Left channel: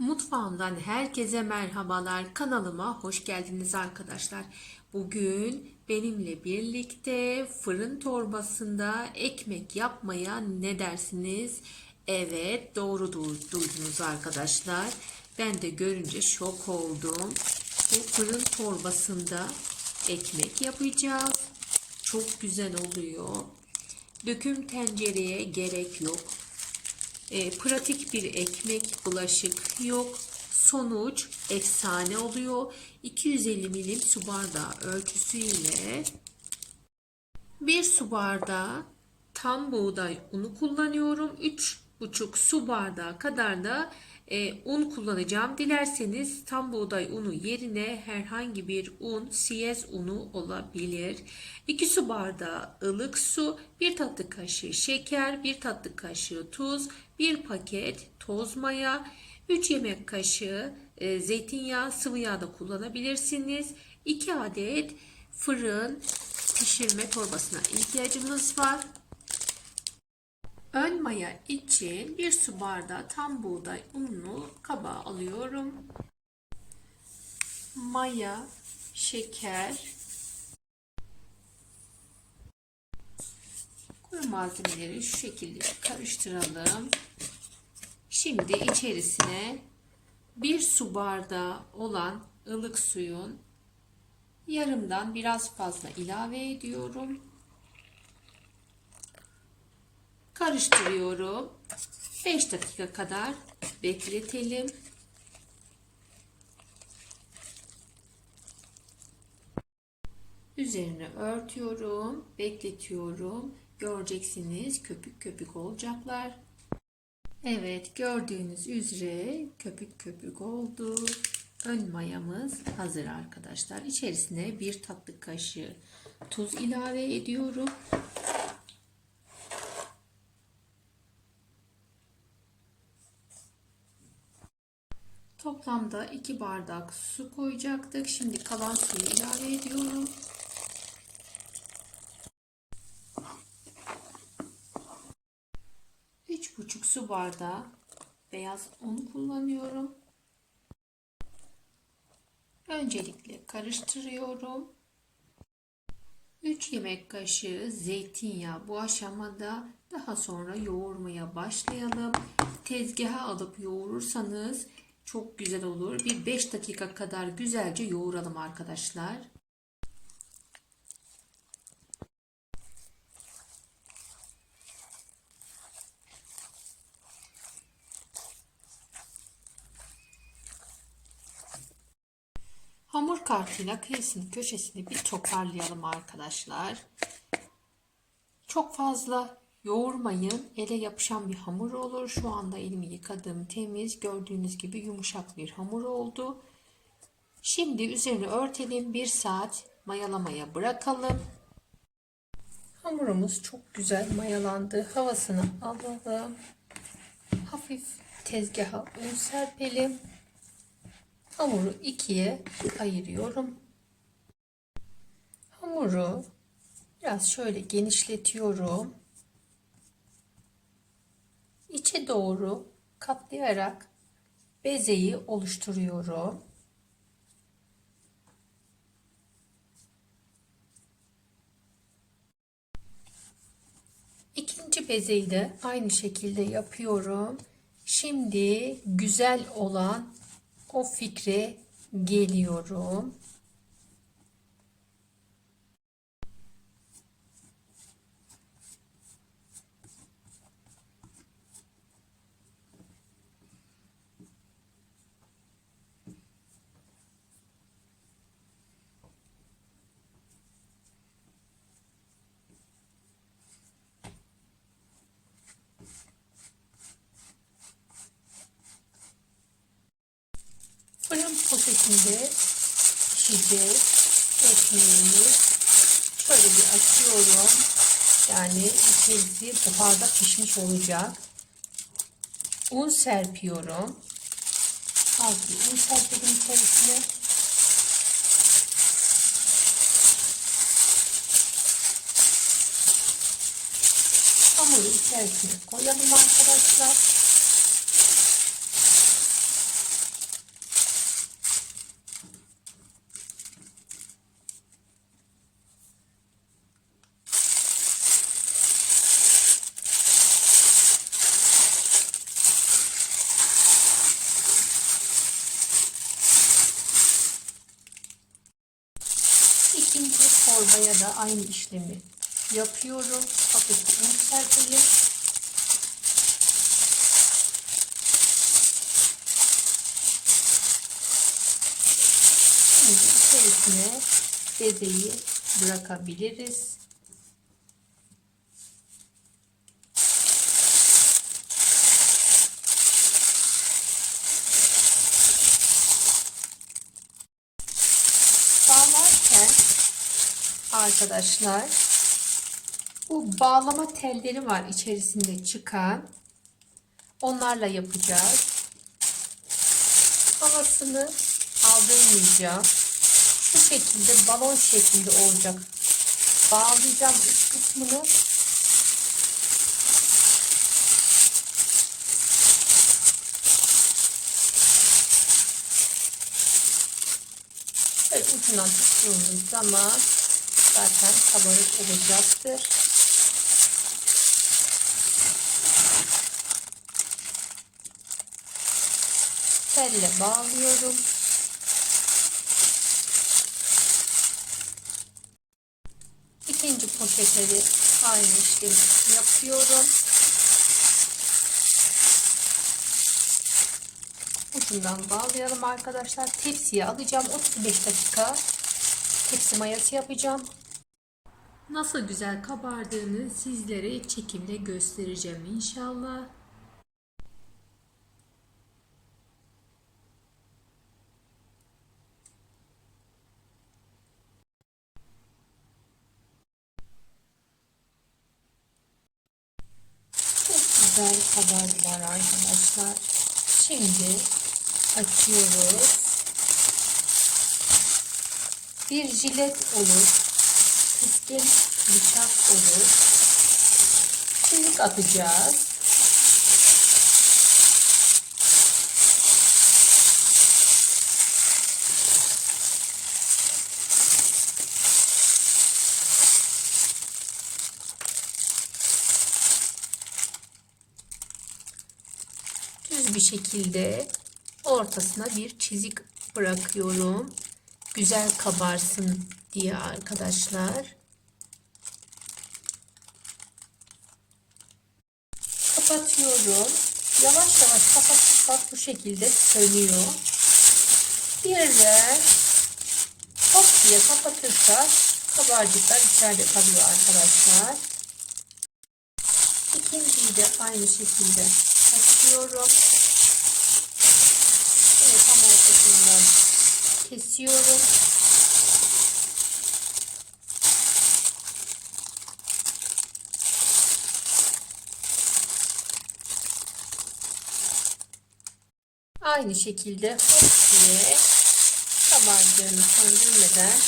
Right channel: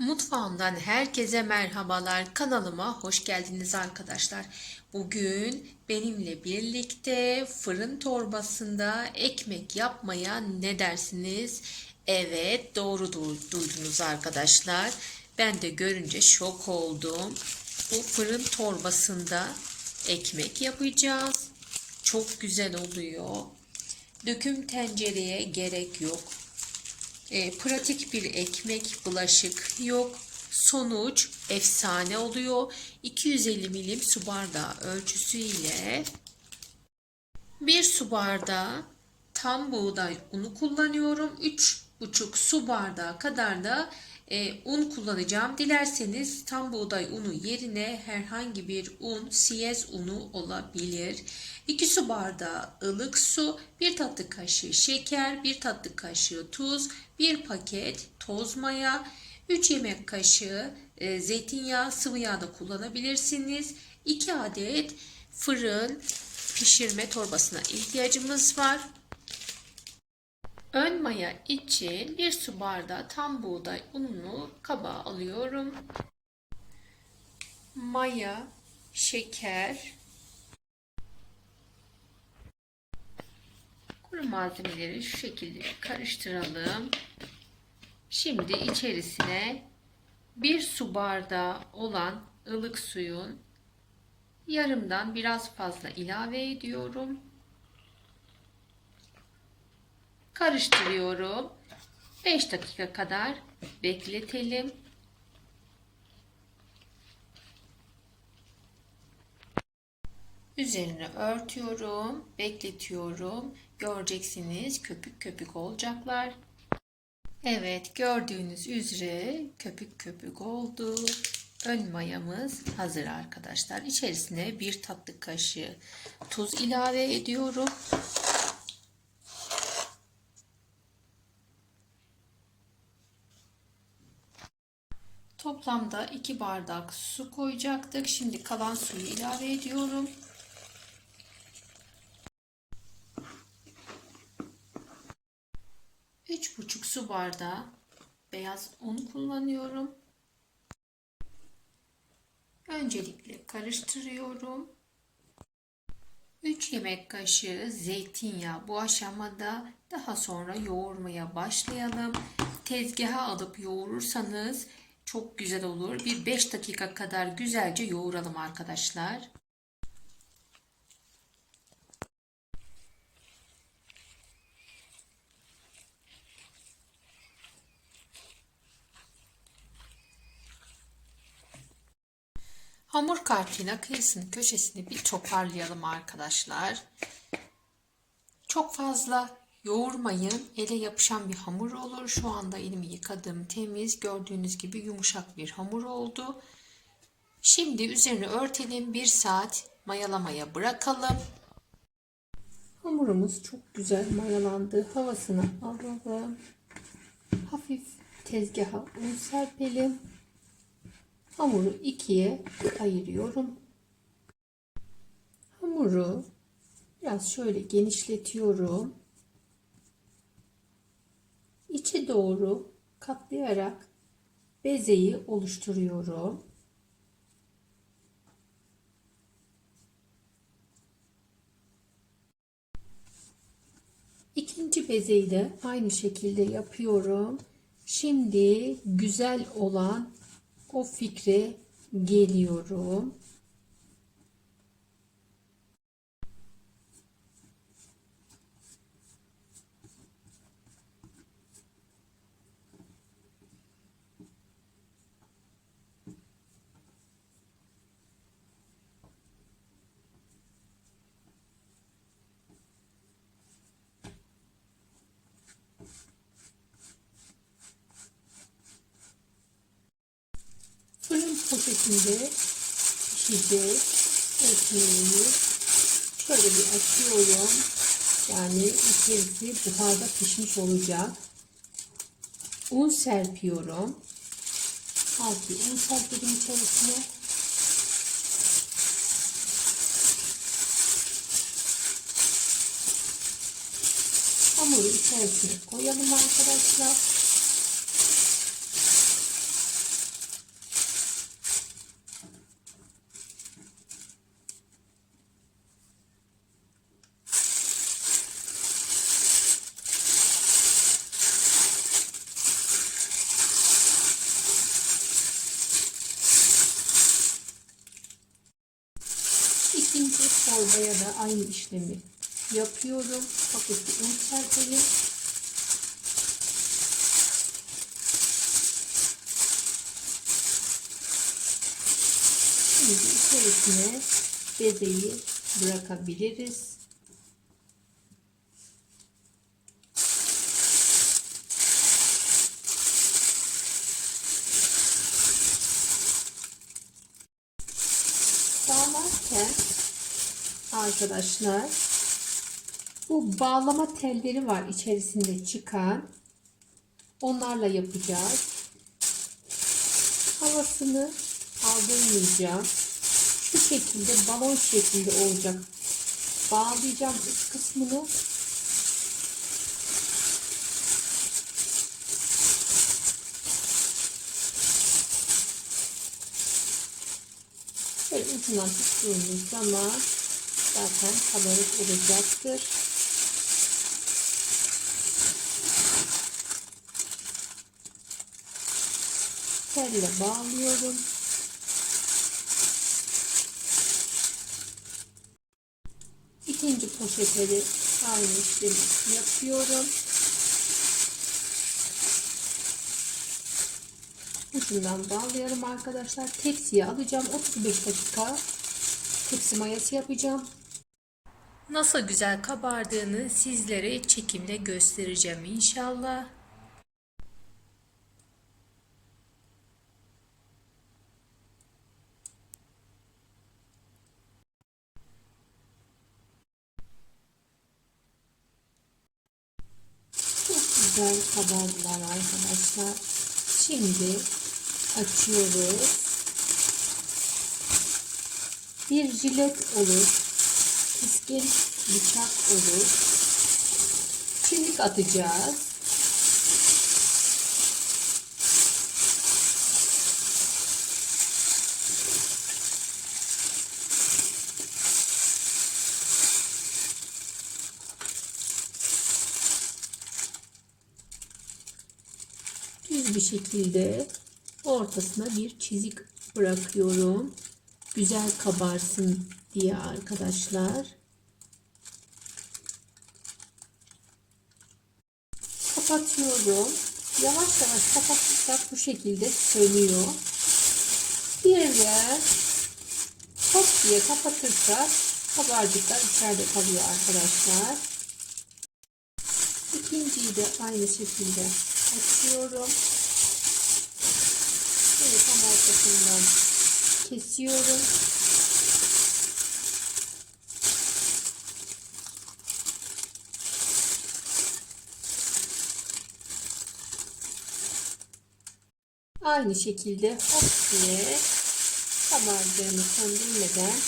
Mutfağımdan herkese merhabalar. Kanalıma hoş geldiniz arkadaşlar. Bugün benimle birlikte fırın torbasında ekmek yapmaya ne dersiniz? Evet doğru du- duydunuz arkadaşlar. Ben de görünce şok oldum. Bu fırın torbasında ekmek yapacağız. Çok güzel oluyor. Döküm tencereye gerek yok. E, pratik bir ekmek bulaşık yok. Sonuç efsane oluyor. 250 milim su bardağı ölçüsü ile bir su bardağı tam buğday unu kullanıyorum. 3,5 su bardağı kadar da e, un kullanacağım. Dilerseniz tam buğday unu yerine herhangi bir un, siyez unu olabilir. 2 su bardağı ılık su, 1 tatlı kaşığı şeker, 1 tatlı kaşığı tuz, 1 paket toz maya, 3 yemek kaşığı e, zeytinyağı, sıvı yağ da kullanabilirsiniz. 2 adet fırın pişirme torbasına ihtiyacımız var. Ön maya için bir su bardağı tam buğday ununu kaba alıyorum. Maya, şeker, kuru malzemeleri şu şekilde karıştıralım. Şimdi içerisine bir su bardağı olan ılık suyun yarımdan biraz fazla ilave ediyorum. Karıştırıyorum. 5 dakika kadar bekletelim. Üzerine örtüyorum, bekletiyorum. Göreceksiniz köpük köpük olacaklar. Evet gördüğünüz üzere köpük köpük oldu. Ön mayamız hazır arkadaşlar. İçerisine bir tatlı kaşığı tuz ilave ediyorum. Toplamda 2 bardak su koyacaktık. Şimdi kalan suyu ilave ediyorum. Üç buçuk su bardağı beyaz un kullanıyorum. Öncelikle karıştırıyorum. 3 yemek kaşığı zeytinyağı bu aşamada daha sonra yoğurmaya başlayalım. Tezgaha alıp yoğurursanız çok güzel olur. Bir 5 dakika kadar güzelce yoğuralım arkadaşlar. Hamur kartıyla kıyısını köşesini bir toparlayalım arkadaşlar. Çok fazla yoğurmayın. Ele yapışan bir hamur olur. Şu anda elimi yıkadım. Temiz. Gördüğünüz gibi yumuşak bir hamur oldu. Şimdi üzerini örtelim. Bir saat mayalamaya bırakalım. Hamurumuz çok güzel mayalandı. Havasını alalım. Hafif tezgaha un serpelim. Hamuru ikiye ayırıyorum. Hamuru biraz şöyle genişletiyorum. İçe doğru katlayarak bezeyi oluşturuyorum. İkinci bezeyi de aynı şekilde yapıyorum. Şimdi güzel olan o fikre geliyorum. Fırın poşetinde pişecek ekmeğimiz. Şöyle bir açıyorum. Yani içerisi buharda pişmiş olacak. Un serpiyorum. Bir un serpelim içerisine. Hamuru içerisine koyalım arkadaşlar. Aynı işlemi yapıyorum. Hafif un serpelim. Şimdi içerisine bezeyi bırakabiliriz. Bağlarken arkadaşlar bu bağlama telleri var içerisinde çıkan. Onlarla yapacağız. Havasını aldırmayacağım. Şu şekilde balon şeklinde olacak. Bağlayacağım üst kısmını. Ucundan tuttuğumuz zaman zaten kabarık olacaktır. Telle bağlıyorum. İkinci poşete de aynı işlemi yapıyorum. Ucundan bağlıyorum arkadaşlar. Tepsiye alacağım. 35 dakika tepsi mayası yapacağım. Nasıl güzel kabardığını sizlere çekimle göstereceğim inşallah. Çok güzel kabardılar arkadaşlar. Şimdi açıyoruz. Bir jilet olur. Keskin bıçak olur. Çelik atacağız. düz bir şekilde ortasına bir çizik bırakıyorum. Güzel kabarsın diye arkadaşlar. Kapatıyorum. Yavaş yavaş kapatırsak bu şekilde sönüyor. Bir de çok diye kapatırsak kabarcıklar içeride kalıyor arkadaşlar. İkinciyi de aynı şekilde açıyorum. Yine tam ortasından kesiyorum. Aynı şekilde hop diye kabardığını söndürmeden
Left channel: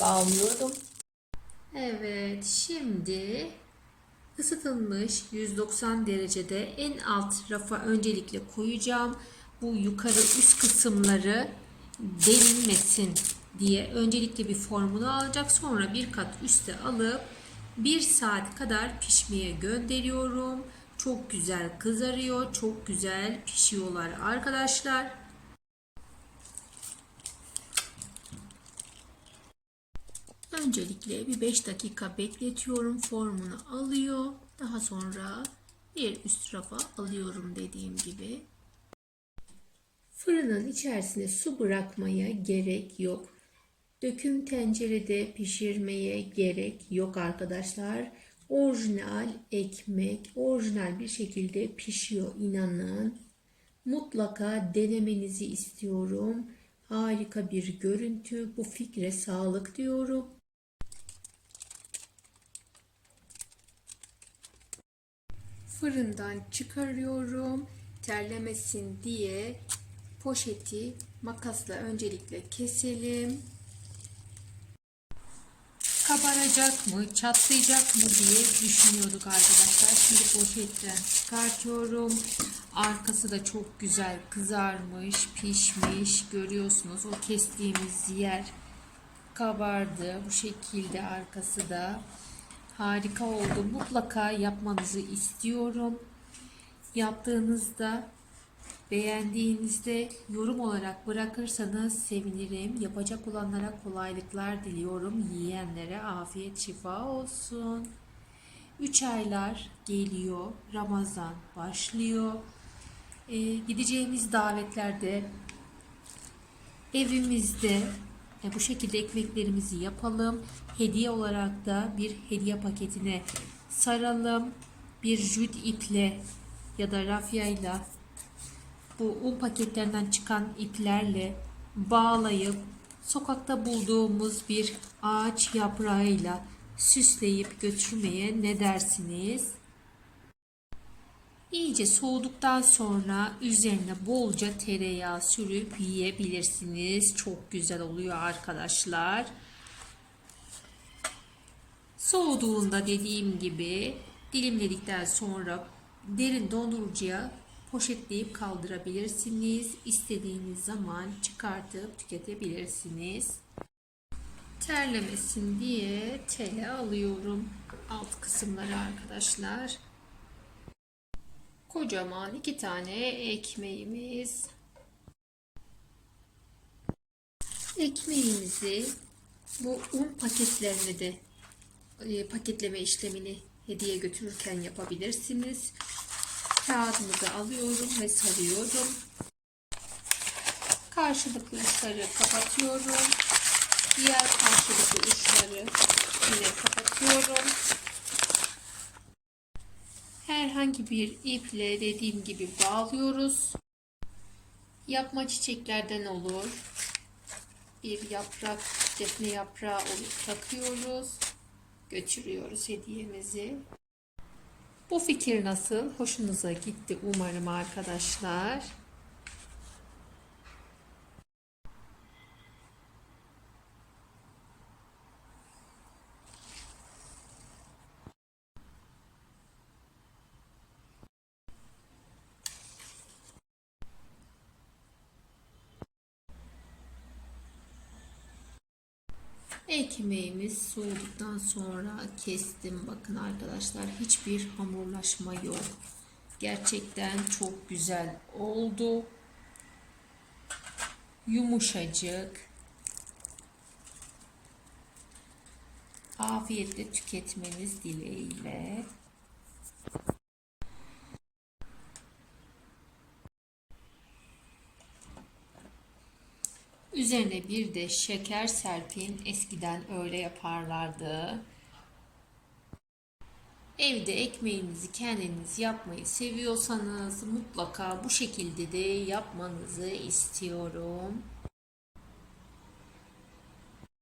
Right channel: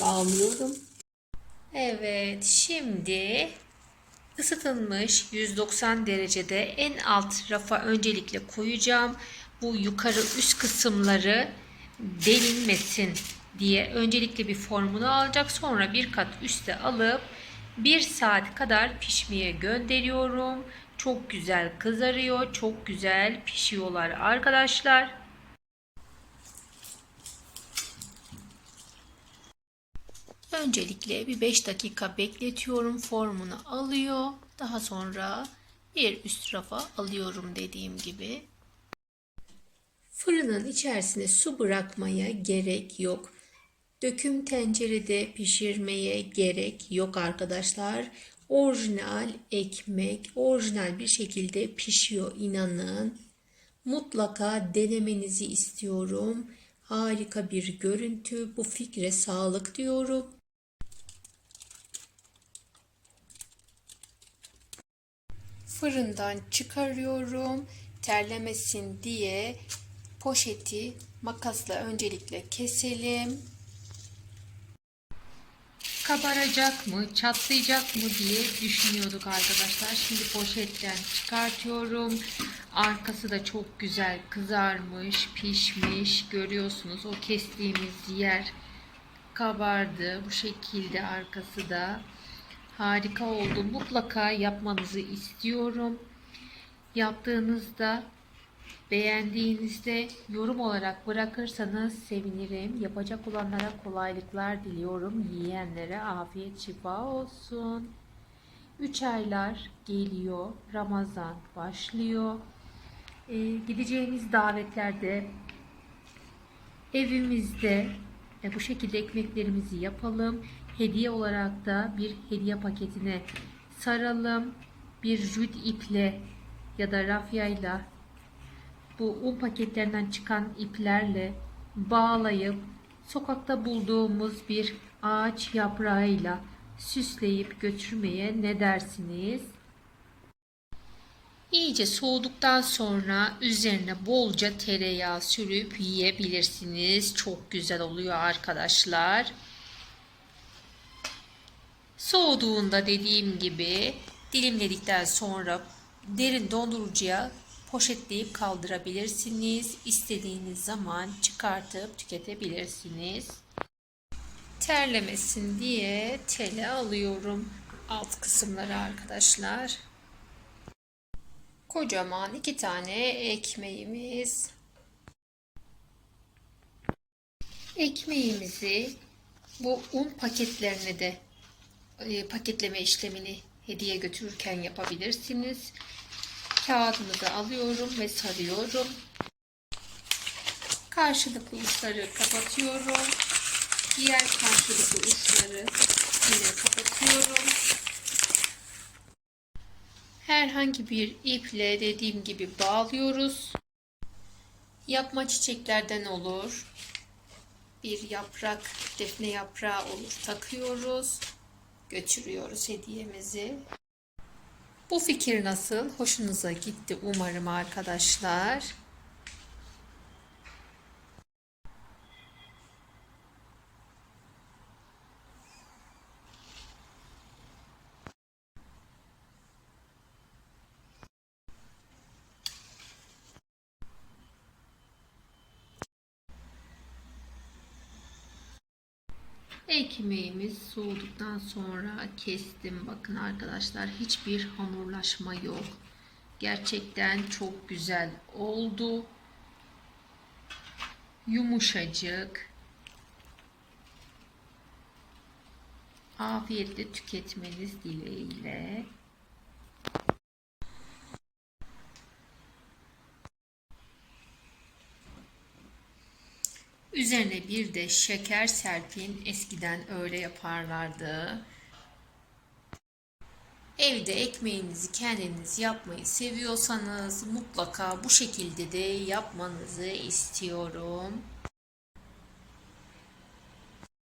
bağlıyorum. Evet şimdi ısıtılmış 190 derecede en alt rafa öncelikle koyacağım. Bu yukarı üst kısımları delinmesin diye öncelikle bir formunu alacak. Sonra bir kat üste alıp bir saat kadar pişmeye gönderiyorum. Çok güzel kızarıyor. Çok güzel pişiyorlar arkadaşlar. Öncelikle bir 5 dakika bekletiyorum. Formunu alıyor. Daha sonra bir üst rafa alıyorum dediğim gibi. Fırının içerisine su bırakmaya gerek yok. Döküm tencerede pişirmeye gerek yok arkadaşlar. Orijinal ekmek orijinal bir şekilde pişiyor inanın. Mutlaka denemenizi istiyorum. Harika bir görüntü. Bu fikre sağlık diyorum. Fırından çıkarıyorum. Terlemesin diye poşeti makasla öncelikle keselim. Kabaracak mı, çatlayacak mı diye düşünüyorduk arkadaşlar. Şimdi poşetten çıkartıyorum. Arkası da çok güzel kızarmış, pişmiş. Görüyorsunuz o kestiğimiz yer kabardı. Bu şekilde arkası da harika oldu. Mutlaka yapmanızı istiyorum. Yaptığınızda Beğendiğinizde yorum olarak bırakırsanız sevinirim. Yapacak olanlara kolaylıklar diliyorum. Yiyenlere afiyet şifa olsun. 3 aylar geliyor. Ramazan başlıyor. Ee, gideceğimiz davetlerde evimizde e, bu şekilde ekmeklerimizi yapalım. Hediye olarak da bir hediye paketine saralım. Bir jüt iple ya da rafyayla bu un paketlerinden çıkan iplerle bağlayıp sokakta bulduğumuz bir ağaç yaprağıyla süsleyip götürmeye ne dersiniz? İyice soğuduktan sonra üzerine bolca tereyağı sürüp yiyebilirsiniz. Çok güzel oluyor arkadaşlar. Soğuduğunda dediğim gibi dilimledikten sonra derin dondurucuya poşetleyip kaldırabilirsiniz. İstediğiniz zaman çıkartıp tüketebilirsiniz. Terlemesin diye tele alıyorum alt kısımları arkadaşlar. Kocaman iki tane ekmeğimiz. Ekmeğimizi bu un paketlerini de e, paketleme işlemini hediye götürürken yapabilirsiniz. Kağıdımızı alıyorum ve sarıyorum. Karşılıklı uçları kapatıyorum. Diğer karşılıklı uçları yine kapatıyorum. Herhangi bir iple dediğim gibi bağlıyoruz. Yapma çiçeklerden olur. Bir yaprak, defne yaprağı olur. Takıyoruz. Götürüyoruz hediyemizi. Bu fikir nasıl? Hoşunuza gitti umarım arkadaşlar. Ekmeğimiz soğuduktan sonra kestim. Bakın arkadaşlar hiçbir hamurlaşma yok. Gerçekten çok güzel oldu. Yumuşacık. Afiyetle tüketmeniz dileğiyle. Üzerine bir de şeker serpin. Eskiden öyle yaparlardı. Evde ekmeğinizi kendiniz yapmayı seviyorsanız mutlaka bu şekilde de yapmanızı istiyorum.